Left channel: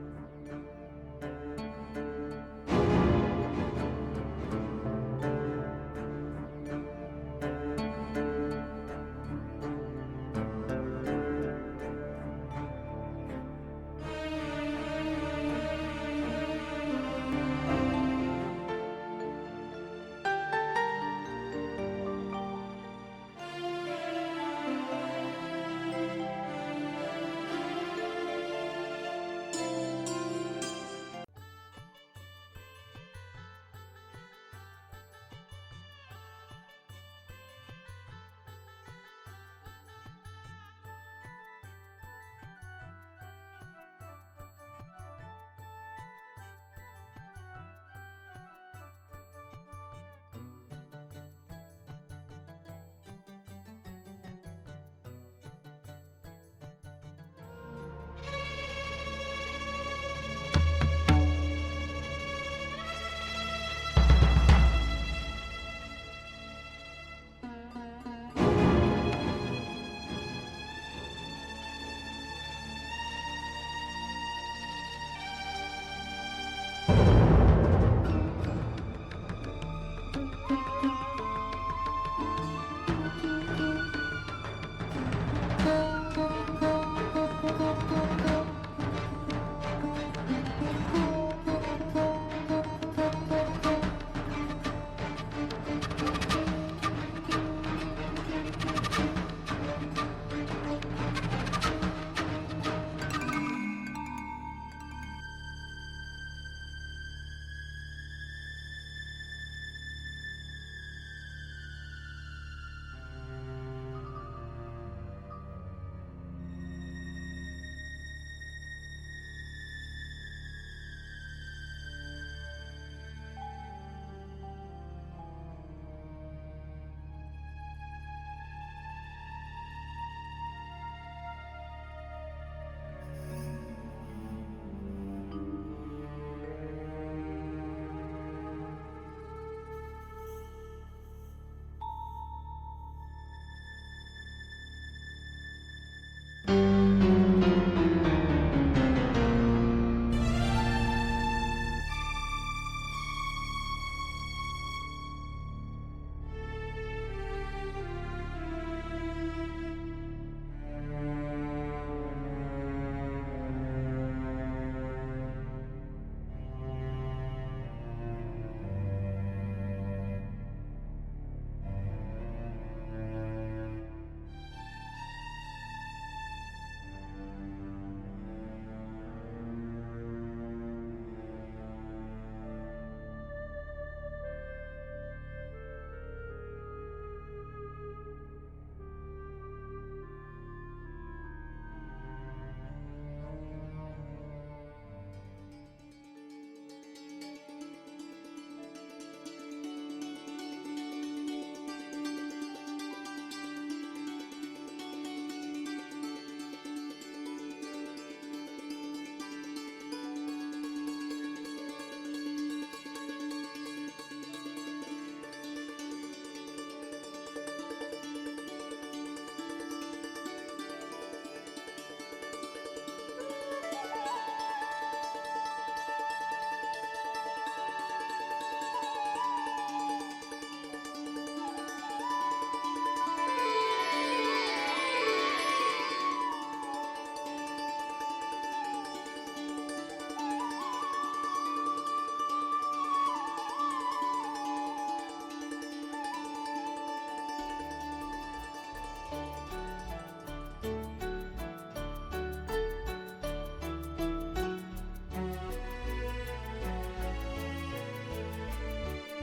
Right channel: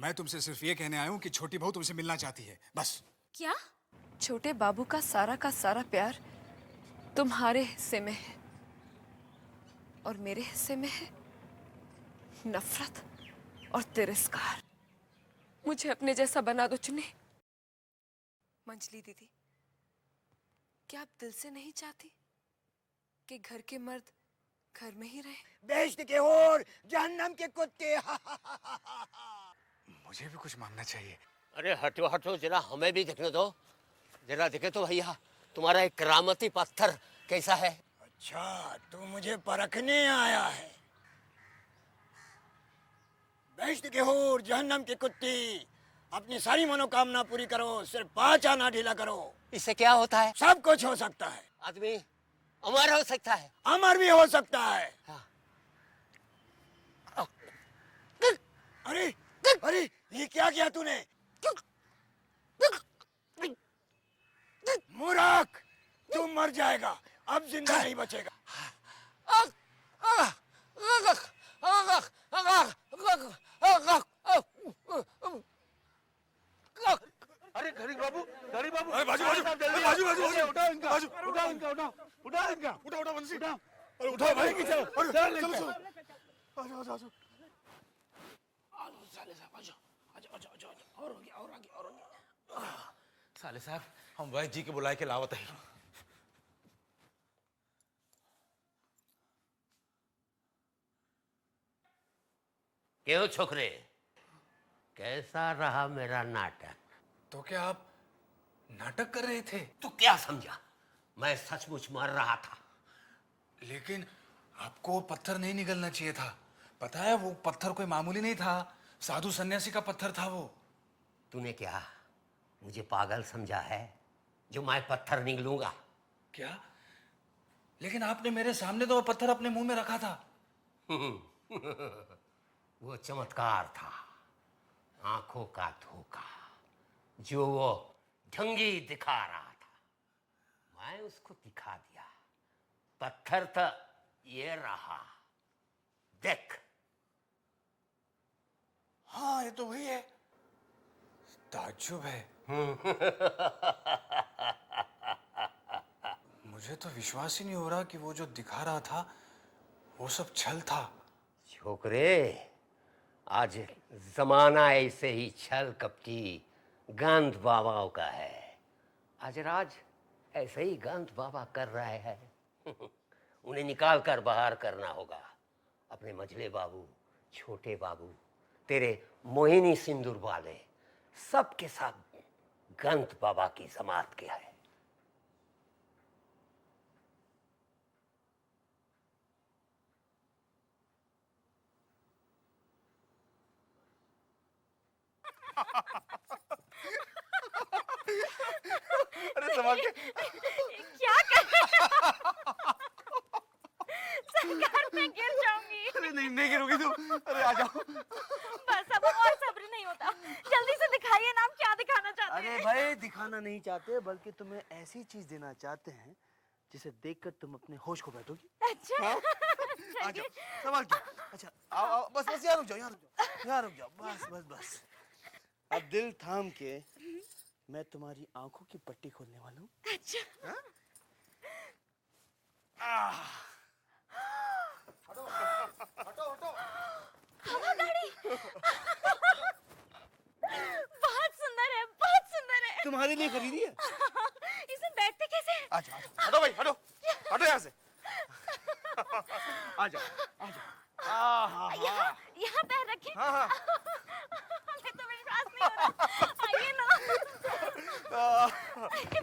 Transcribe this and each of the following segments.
मैं तुमसे सिर्फ ये कहने आया हूँ कि छोटी बहू तुमसे मिलना चाहती है, बस। क्या? छोटे बाबू का सारा प्यार तुम्हारे हिस्से में है और मेरे हिस्से में है नफरत और तिरस्कार। मुझे अपने जैसा बना दो चुनी। अंजलि दीदी, क्या आप दिल से नहीं चाहती कि घर के मर्द घर में रहें? इश्क के और जहन्नम के कुत्ते। मुझे कुछ मिलना चाहिए। अरे हटो हटो, जरा हमें भी देखने दो। जरा देखे तो भैया, तुम्हारा एक करामती पत्थर कैसा है? अच्छा, तू मुझे परखने आया है। इश्क के होर जहन्नम की कुत्ती, अपनी सारी मनोकामना पूरी करो, सिर्फ 5 आना ढीला करो। इससे क्या होता है? सब कुछ हो सकता है। आदमी अमर हो सकता है। अमर भी हो सकता है। अरे अरे, ये क्या किया तूने? मूर्ख, तू मर जाएगा, अब जिंदा नहीं बचेगा। अरे बाजू बाजू बाजू बाजू बाजू उठाओ भाई। भाई जी को बुला के लावत है। क्यों छोकरे, कैसा रहा मेरा नाटक? तो क्या आप नाटक कर रहे थे? तू क्या समझा? मैं सचमुच मर रहा था। लेकिन आपको पत्थर नहीं निकलना चाहिए था। पता है, वो पत्थर कोई मामूली नहीं था, साधु सन्यासी का पत्थर था वो। तूने क्या मुझे पागल समझा है जो मैं पत्थर निकलूंगा? क्या? लेकिन आपने मेरे सामने तो वो पत्थर अपने मुंह में रखा था। वो चमत्कार था, आंखों का धोखा जो वो ठंगी दिखा रहा था। मैं उसको दिखा दिया। पत्थर तो ये रहा, देख। तो भैया ताज्जुब है। मुझे तो विश्वास ही नहीं हो रहा कि वो जो दिखा रहा था वो सब छल था। छोकरे, आज जमाना ऐसे ही छल कपटी गंद बाबा का है। आज राज ऐसे ही गंद बाबा कर रहे हैं। उन्हें निकाल कर बाहर करना होगा। अपने मझले बाबू, छोटे बाबू, तेरे मोहिनी सिंदूर वाले, सबके साथ गंद बाबा की जमात क्या है। अरे संभाल के। क्या कर रहे हो? सरकार मैं गिर जाऊंगी। अरे नहीं गिरोगी तू। अरे आ जाओ। बस अब और सब्र नहीं होता, जल्दी से दिखाइए ना, आप क्या दिखाना चाहते हैं? अरे भाई, दिखाना नहीं चाहते, बल्कि तुम्हें ऐसी चीज देना चाहते हैं जिसे देखकर तुम अपने होश को बैठो। अच्छा। आ जाओ, संभाल के। अच्छा, आओ बस यहाँ रुक जाओ, यहाँ रुक जाओ, बस। अब दिल थाम के मैं तुम्हारी आंखों की पट्टी करूंगा। अच्छा। हवादारी। बहुत सुंदर है, बहुत सुंदर है। तुम्हारे लिए खरीदी है। इसे बैठते कैसे? हटो भाई, हटो हटो यहाँ से। आ जाओ। यहाँ पैर रखें। हमें तो विश्वास नहीं था। आइए ना।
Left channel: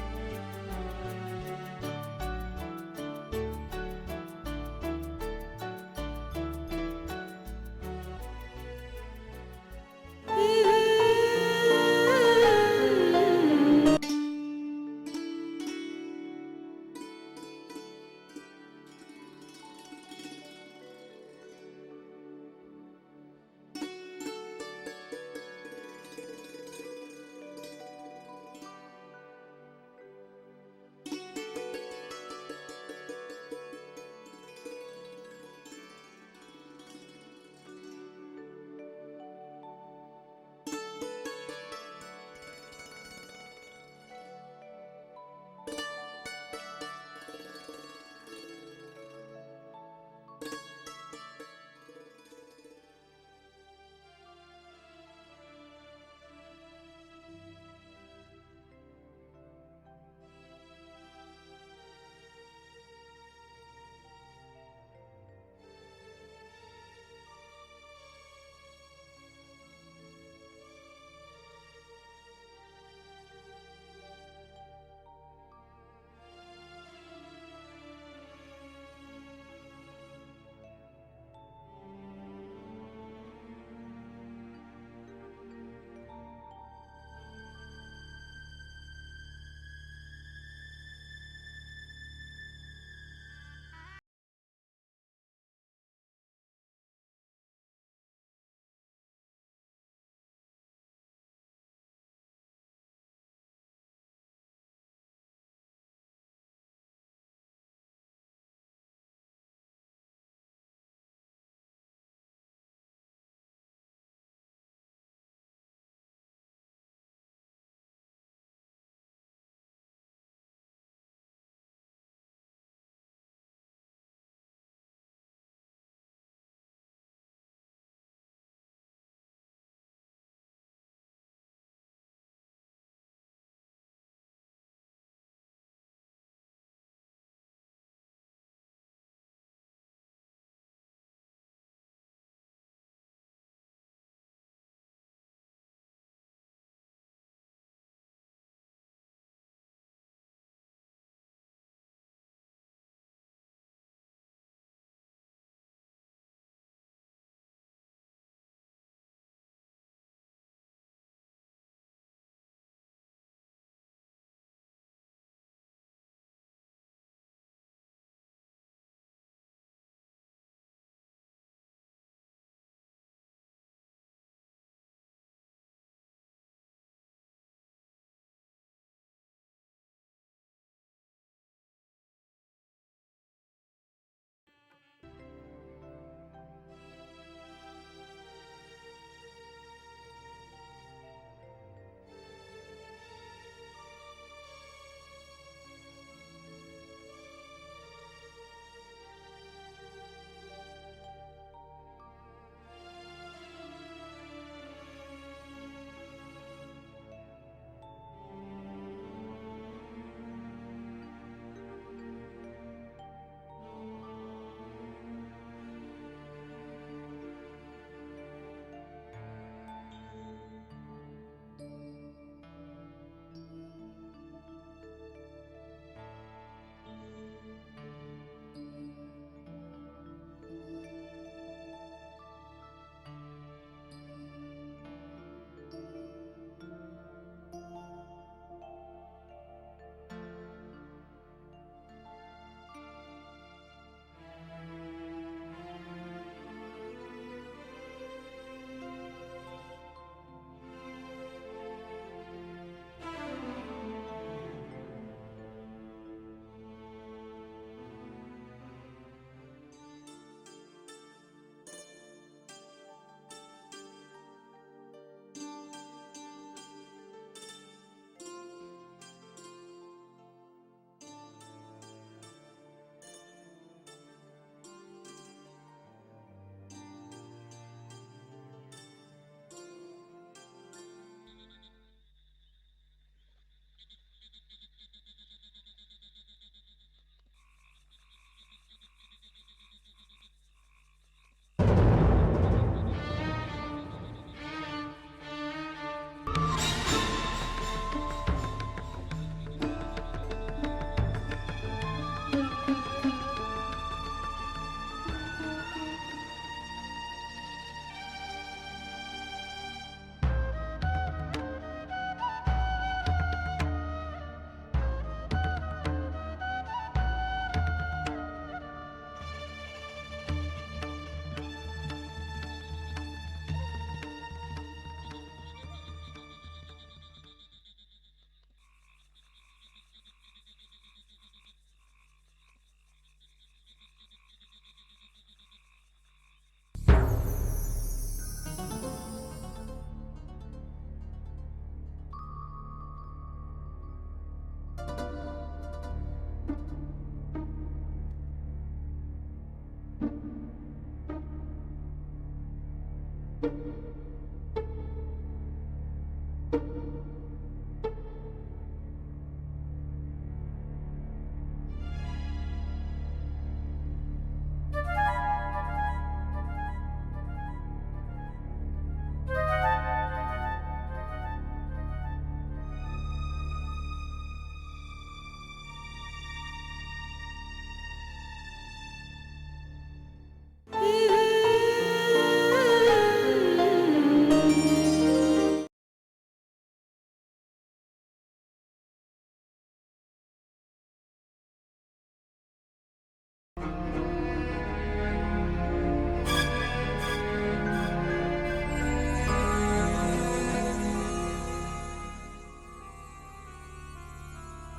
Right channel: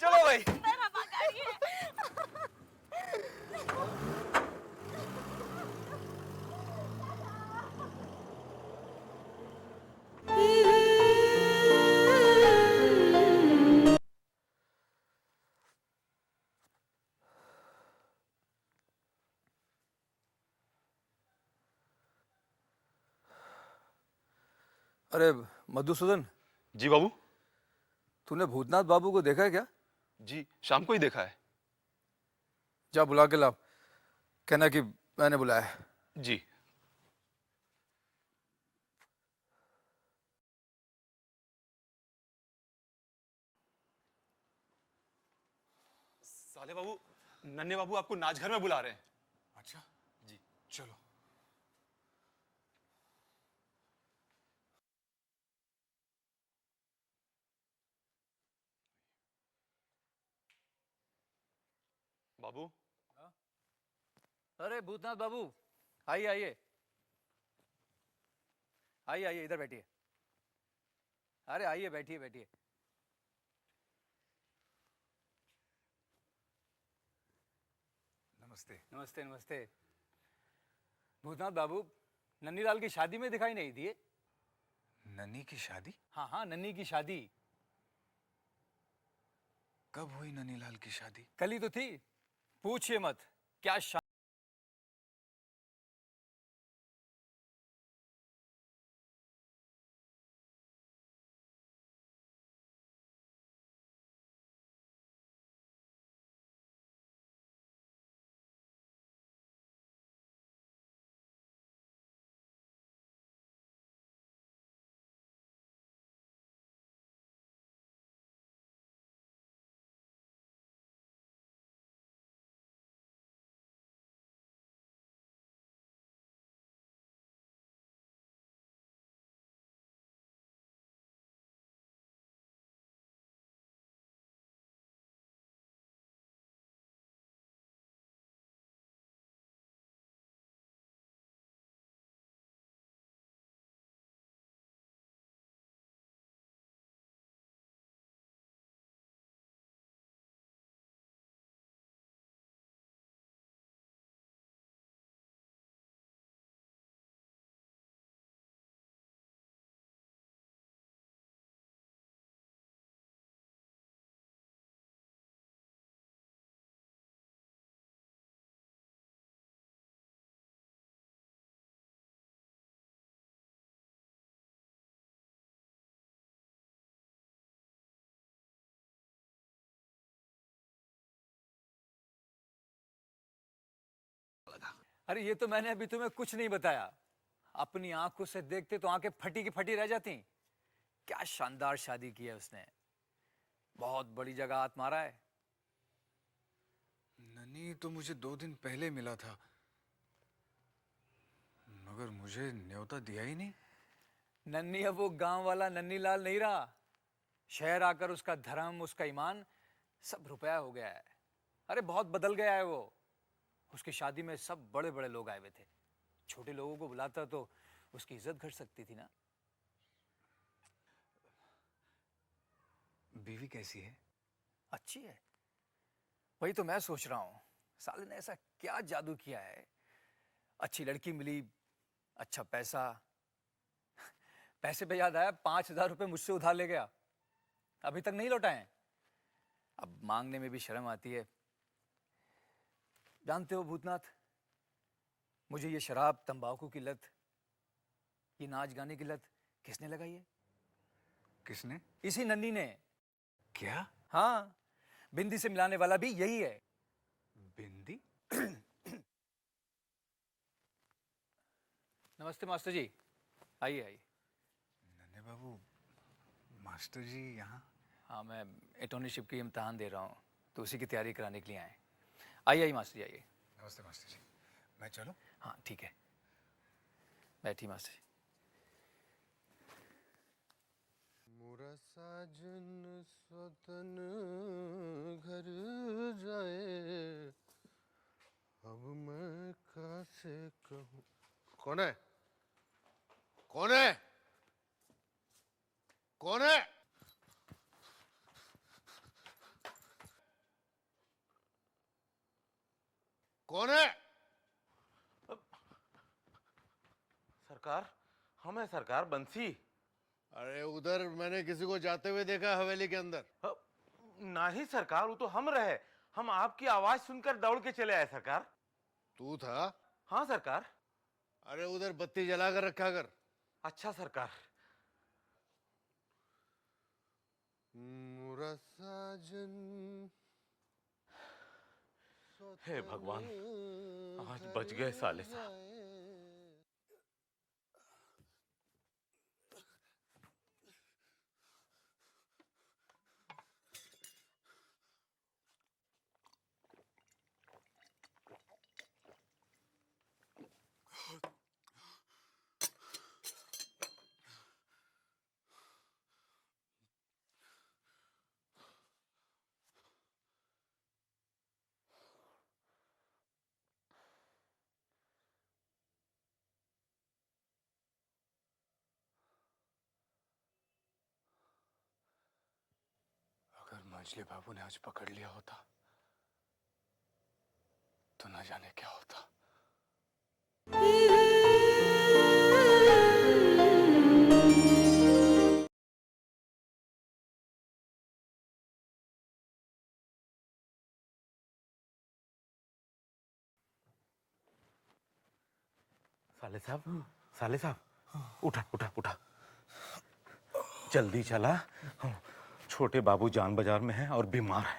चलो भाई। पर हम आगे। अरे मधुसूदन, जी बाबू। तूने भूतनाथ बाबू को देखा है क्या? जी शाम को ही देखा है। जा बुला के ला, कहना कि मैंने बुलाया है। जी। नन्हे बाबू आपको नाचघर में बुला रहे हैं। अच्छा जी। चलो। बाबू अरे भूतनाथ बाबू, आइए आइए आइए आइए, इधर बैठिए। अरे आइए, बैठिए बैठिए। नमस्ते नमस्ते नमस्ते। भूतनाथ बाबू, नन्हीलाल की शादी में दिखाई नहीं दिए। नन्ही की शादी? हाँ हाँ, नन्ही की शादी। कब हुई नन्हीलाल की शादी? कल ही तो थी। पूछिए मत, क्या अरे ये तो मैंने अभी तुम्हें कुछ नहीं बताया। अपनी आंखों से देखते तो आंखें फटी की फटी रह जाती। क्या शानदार शादी की है उसने। बहुत बड़ी जगह हाथ मारा है। नन्ही तो मुझे 2 दिन पहले मिला था, मगर मुझे न्योता दिया ही नहीं। नन्ही अब वो गांव वाला नन्हीलाल नहीं रहा। शहर आकर उसका धर्म, उसका ईमान सब रुपया हो गया है। अरे बहुत बदल गया है वो। उसकी शादी में सब बड़े बड़े लोग आए हुए थे। छोटे लोगों को बुलाता तो उसकी इज्जत कर सकती थी ना। बीवी कैसी है? अच्छी है। वही तो मैं सोच रहा हूँ, साले ने ऐसा क्या जादू किया है। अच्छी लड़की मिली, अच्छा पैसा। पैसे पे याद आया, 5,000 रुपए मुझसे उधार ले गया, अभी तक नहीं लौटाए। अब मांगने में भी शर्म आती है। जानते हो भूतनाथ, मुझे ये शराब, तंबाकू की लत, ये नाच गाने की लत किसने लगाई है? किसने? इसी नन्ही ने। क्या? हाँ, बिंदी से मिलाने वाला भी यही है। बिंदी? नमस्ते मास्टर जी, आइए आइए। नन्हे बाबू, मास्टर जी यहाँ? हाँ, मैं अटॉर्नीशिप की इम्तिहान दे रहा हूँ, तो उसी की तैयारी कराने के लिए आए हैं। आइए आइए मास्टर जी, आइए। नमस्ते मास्टर जी, मैं चलूं? हाँ ठीक है, बैठिए मास्टर जी। पूरा साजन स्वतन घर जाए, अब मैं कैसे कहूँ। कौन है? कौन है? कौन है? सरकार, हम है सरकार, बंसी। अरे उधर मैंने किसी को जाते हुए देखा हवेली के अंदर। नहीं सरकार, वो तो हम रहे। हम आपकी आवाज सुनकर दौड़ के चले आए सरकार। तू था? हाँ सरकार। अरे उधर बत्ती जला कर रखा कर। अच्छा सरकार। मुरा साजन, हे भगवान, आज बच गए साले साहब। मछली बाबू ने आज पकड़ लिया होता तो न जाने क्या होता। जल्दी चला, छोटे बाबू जान बाजार में है और बीमार है।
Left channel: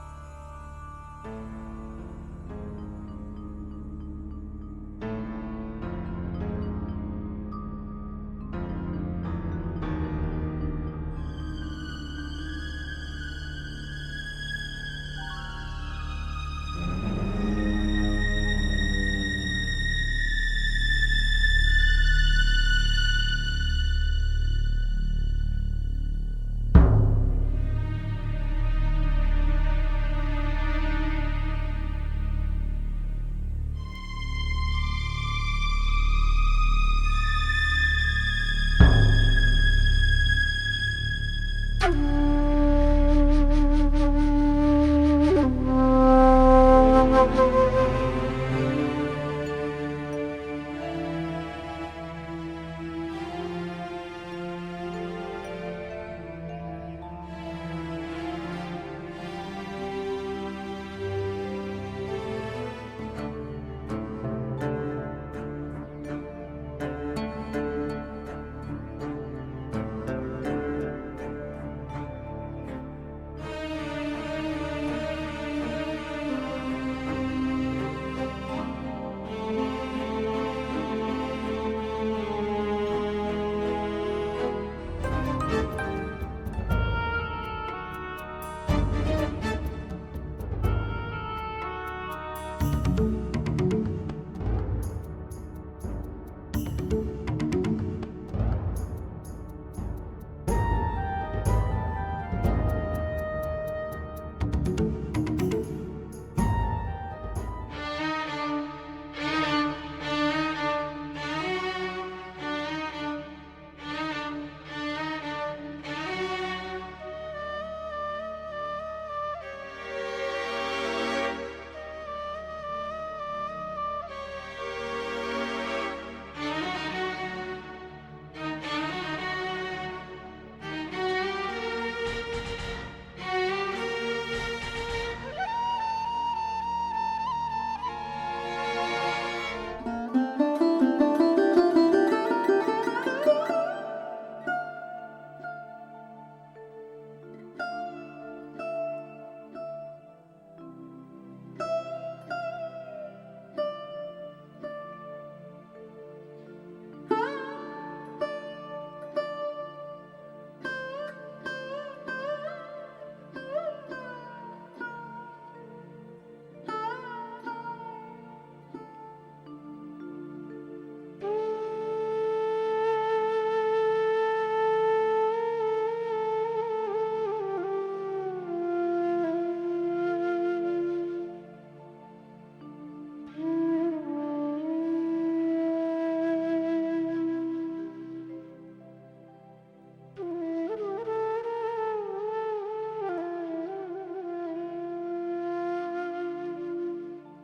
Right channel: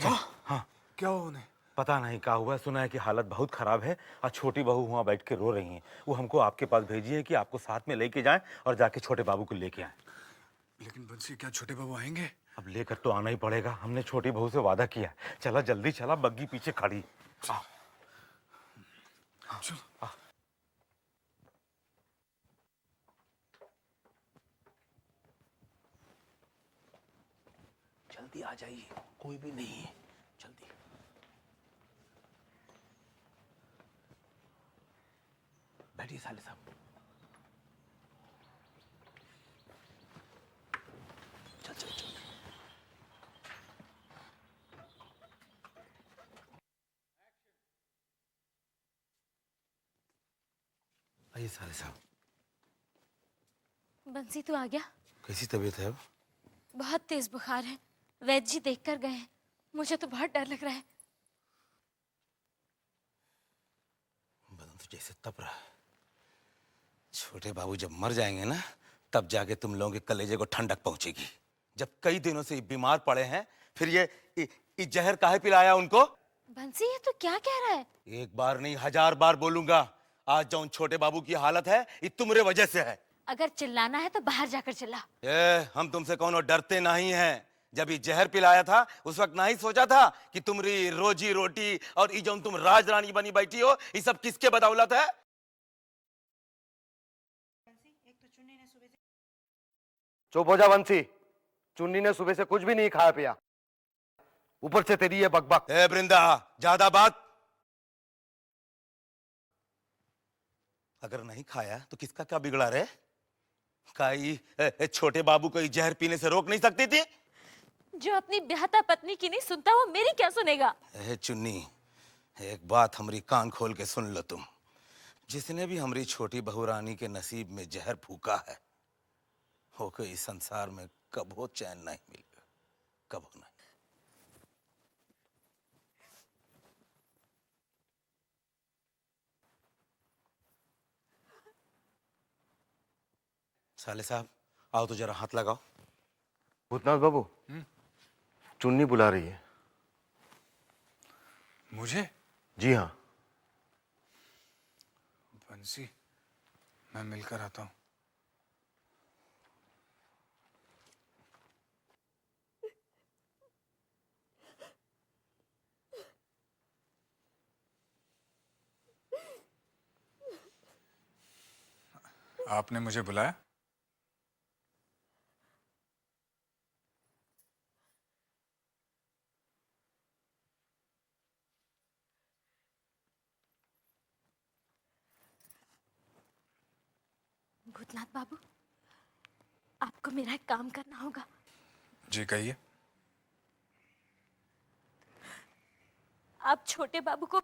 क्या? हाँ, क्या हो गया? पता नहीं क्या हुआ, सुना है कि हालत बहुत खराब है और छोटी बहू वहाँ बैठ के रो रही है। वो हमको आपके पास भेजी है कि आपको साथ में लेके जाएं और जाके छोटे बाबू को लेके आए। लेकिन बंसी, क्या छोटे बाबू आएंगे? अब लेकर तो आना ही पड़ेगा, हमने छोटी बहू से वादा किया। चला जल्दी चला, बग्गी पीछे खड़ी है। बंसी तू आ गया? कैसी तबीयत है? बहुत तेज बुखार है। वैद्य जी देख कर गए हैं। मुझे तो बहुत डर लग रहा है। छोटे बाबू जब मर जाएंगे ना, तब जाके तुम लोगों के कलेजे को ठंडक पहुंचेगी। जब कई दिनों से बीमार पड़े हैं, फिर ये जहर काहे पिलाया उनको? बंसी ये तो क्या कह रहा है? एक बार नहीं 1000 बार बोलूंगा, आज जो छोटे बाबू की हालत है ये तुम्हारे वजह से है। अगर चिल्लाना है तो बाहर जाकर चिल्ला। हम तुमसे कौनो डरते नहीं हैं। जब ये जहर पिलाया था उस वक्त नहीं सोचा था कि तुम्हारी रोजी रोटी और ये जो तुम राज रानी बनी बैठी हो, ये सब किसके बदौलत है? चुप हो जा बंसी, चुन्नी ने सुबह से कुछ भी नहीं खाया पिया, ऊपर से तेरी ये बकबक। ए वृंदा, ज्यादा बात। अगर नहीं खाया तो किसका क्या बिगड़ा रे? छोटे बाबू को जहर पीने से रोक नहीं सकती थी? जो अपनी ब्याहता पत्नी की नहीं सुनता वो मेरी क्या सुनेगा? चुन्नी, एक बात हमारी कान खोल के सुन लो तुम। जिसने भी हमारी छोटी बहू रानी के नसीब में जहर फूका है, वो कोई संसार में कब वो चैन नहीं, कब। साले साहब, आओ तो जरा हाथ लगाओ। भूतनाथ बाबू, चुन्नी बुला रही है। मुझे? जी हाँ। बंसी, मैं मिलकर आता हूँ। आपने मुझे बुलाया? भूतनाथ बाबू, आपको मेरा एक काम करना होगा। जी कहिए। आप छोटे बाबू को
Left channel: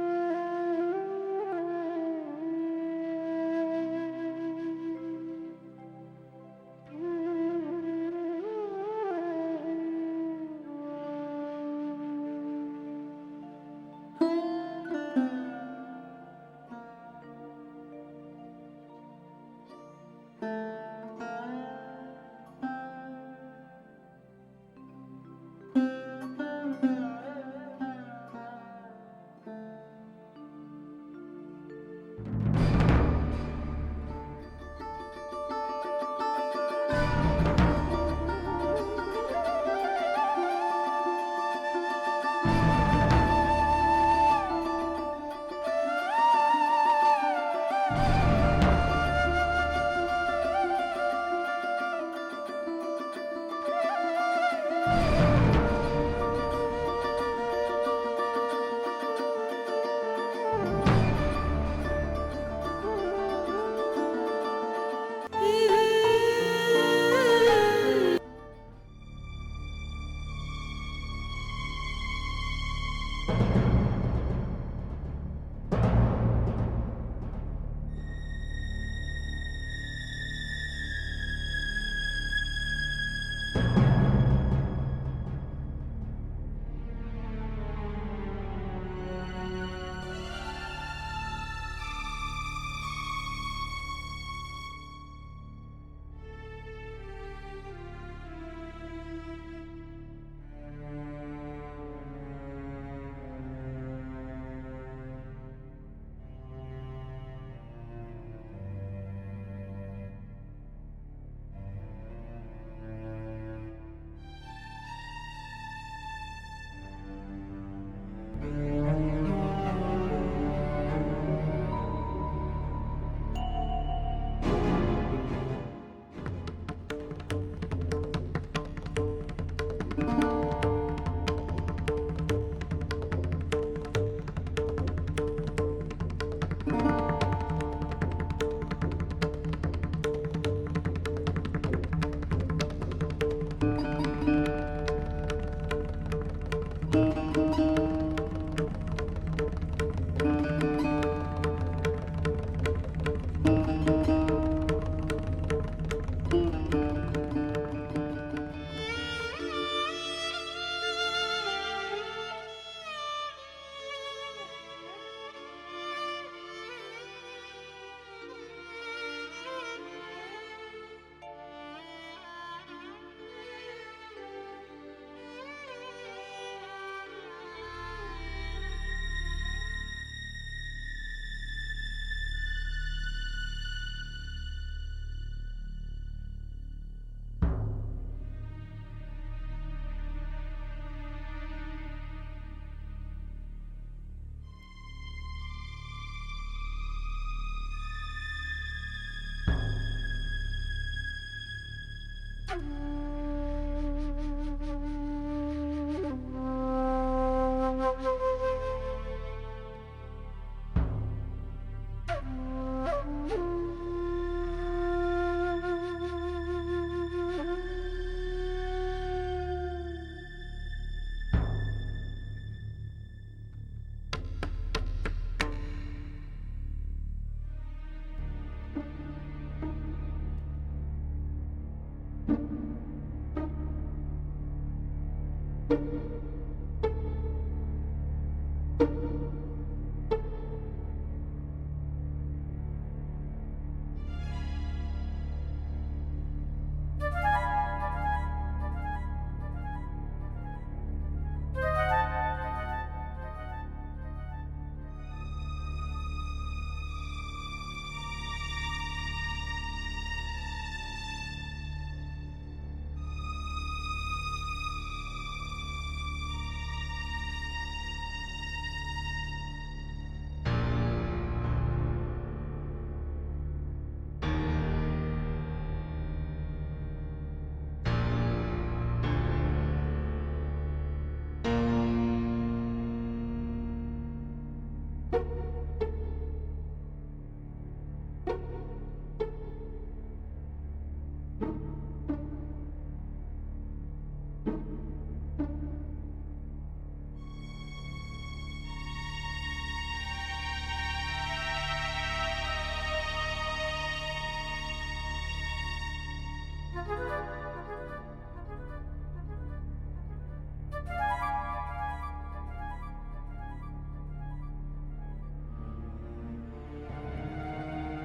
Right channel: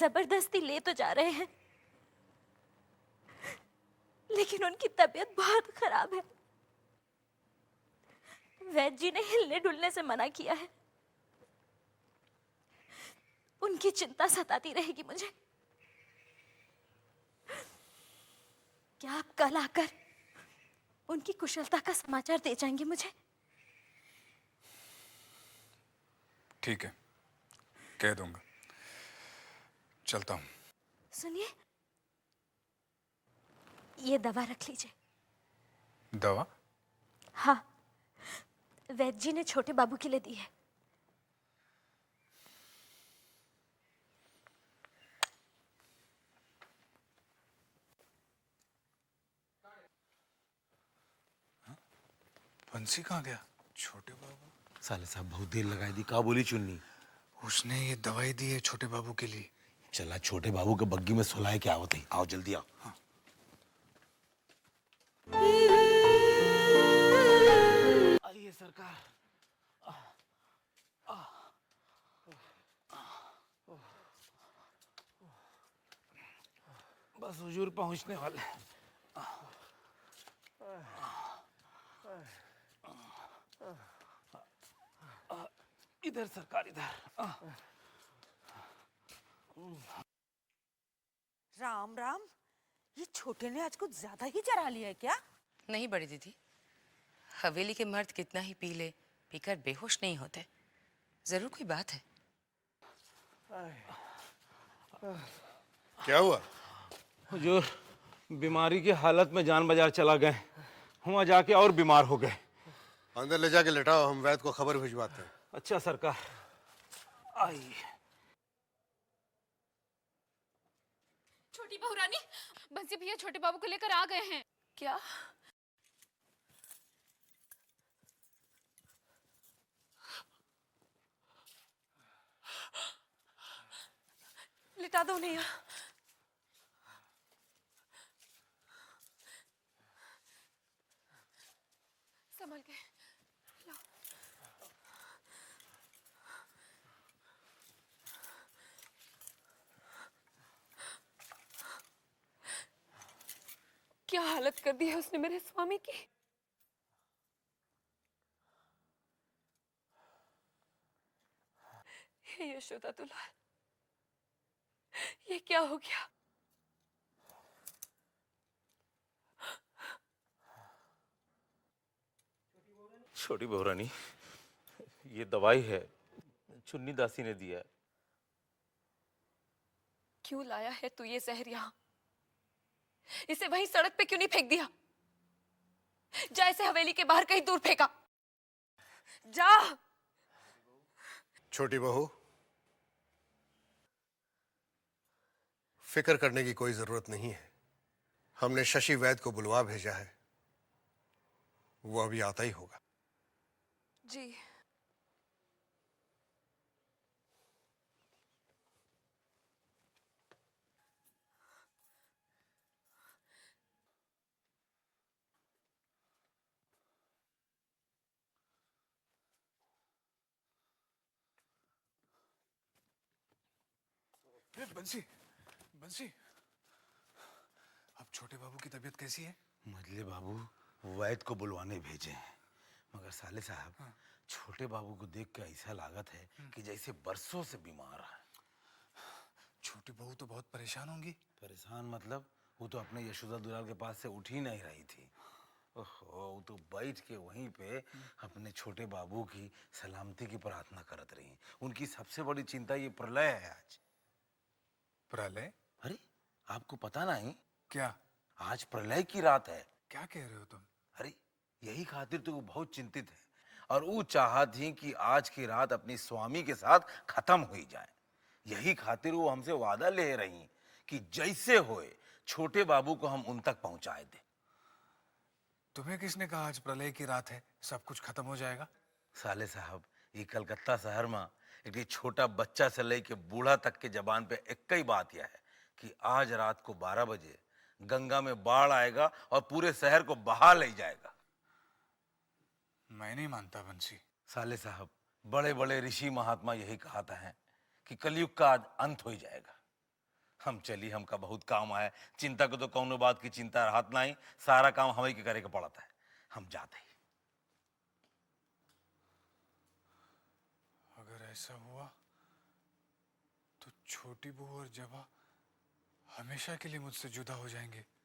जबरदस्ती ले तो जा रहे हैं, लेकिन उनकी तबीयत बहुत खराब है। वैद्य जी ने हिलने डुलने से मना किया है। उनकी चिंता सताती रहेगी मुझे। क्या आप कल आकर उनकी कुशलता का समाचार दे जाएंगे मुझे? ठीक है, कह दूंगा। चलता हूँ। सुनिए, ये दवा रख लीजिए। दवा? हाँ, वैद्य जी ने छोटे बाबू के लिए दी है। बंसी कहाँ गया? कहा बोली चुन्नी? उसने ये दवाई दी है छोटे बाबू के लिए। चला छोटे बाबू के मन की में सुना है क्या होती? आओ जल्दी आओ। आइए सरकार। बस हुजूर पहुंचने वाले हैं। इधर सरकार इधर। राम राम, ये छोटे ने आज कुछ ज्यादा ही चढ़ा लिया है क्या? नहीं बड़ी दीदी, हवेली के मर्द कितना ही पी ले, पीकर बेहोश नहीं होते। जरूर कोई बात है। क्या हुआ? हुजूर बीमारी की हालत में जान बाजार चला गए, वहाँ जाके और बीमार हो गए। अंदर ले जाके लेटाओ, हम वैद्य को खबर भिजवाते हैं। अच्छा सरकार। आइए। छोटी बहू रानी, बंसी भैया छोटे बाबू को लेकर आ गए हैं। क्या? लिटा दो उन्हें यहाँ। क्या हालत कर दी है उसने मेरे स्वामी की। हे यशोदा दुलार, ये क्या हो गया? छोटी बहू रानी, ये दवाई है, चुन्नी दासी ने दिया। क्यों लाया है तू ये जहर यहाँ? इसे वहीं सड़क पे क्यों नहीं फेंक दिया? जा इसे हवेली के बाहर कहीं दूर फेंका। जा। छोटी बहू, फिक्र करने की कोई जरूरत नहीं है। हमने शशि वैद्य को बुलवा भेजा है, वो अभी आता ही होगा। जी। बंसी, बंसी, अब छोटे बाबू की तबीयत कैसी है? मुदले बाबू वैद्य को बुलवाने भेजे हैं, मगर साले साहब छोटे बाबू को देख के ऐसा लागत है कि जैसे बरसों से बीमार है। छोटी बहू तो बहुत परेशान होंगी। परेशान मतलब? वो तो अपने यशोदा दुलार के पास से उठ ही नहीं रही थी। वो तो बैठ के वहीं पे अपने छोटे बाबू की सलामती की प्रार्थना करत रही। उनकी सबसे बड़ी चिंता ये प्रलय है आज। प्रलय? अरे आपको पता नहीं क्या? आज प्रलय की रात है। क्या कह रहे हो? अरे यही खातिर तो वो बहुत चिंतित है और वो चाहत थी कि आज की रात अपनी स्वामी के साथ खत्म हो जाए। यही खातिर वो हमसे वादा ले रही है कि जैसे होए छोटे बाबू को हम उन तक पहुंचाए थे। तुम्हें किसने कहा आज प्रलय की रात है, सब कुछ खत्म हो जाएगा? साले साहब, ये कलकत्ता शहर में ये छोटा बच्चा से लेके बूढ़ा तक के जबान पे एक ही बात यह है कि आज रात को 12 बजे गंगा में बाढ़ आएगा और पूरे शहर को बहा ले जाएगा। मैं नहीं मानता बंसी। साले साहब, बड़े बड़े ऋषि महात्मा यही कहता है कि कलयुग का अंत हो जाएगा। हम चली, हमका बहुत काम आए। चिंता को तो कौनो बात की चिंता रात नहीं, सारा काम हमें के करे के पड़ता है। हम जाते हैं। ऐसा हुआ तो छोटी बहू और जबा हमेशा के लिए मुझसे जुदा हो जाएंगे।